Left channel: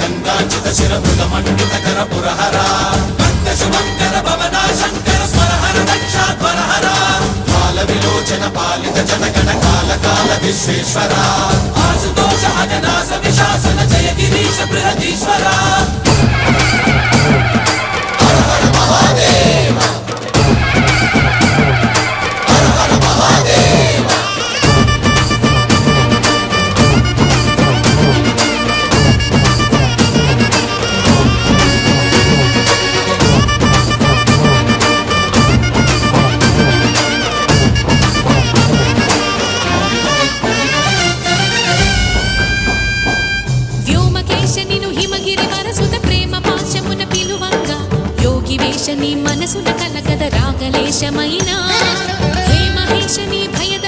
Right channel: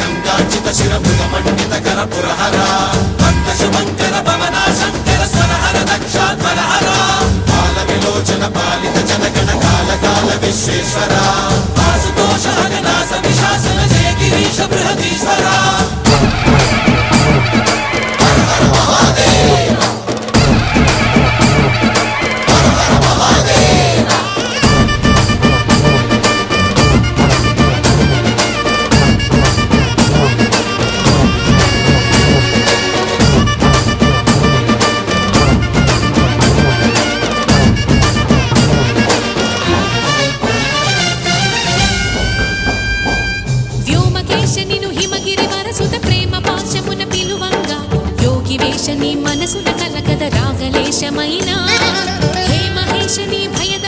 గంగాచిత శిరపుల మండిత కర పురహర శుభంకర భవనా శంకర స్వరహర దక్షాధ్వరహర కాల విలోచన పాలిత జనగణ కాల కాల విశ్వేశ్వర ఆశుతోష హరిదాస విశాసన జయ గిరీశ బృహదీశ్వర వ్యోమకేశనిను హిమగిరి వరసుత ప్రేమ పాశమున పిలువంగా యోగి వేషని మనసున కలకద రాగలేశమైనా హే మహేశని భయద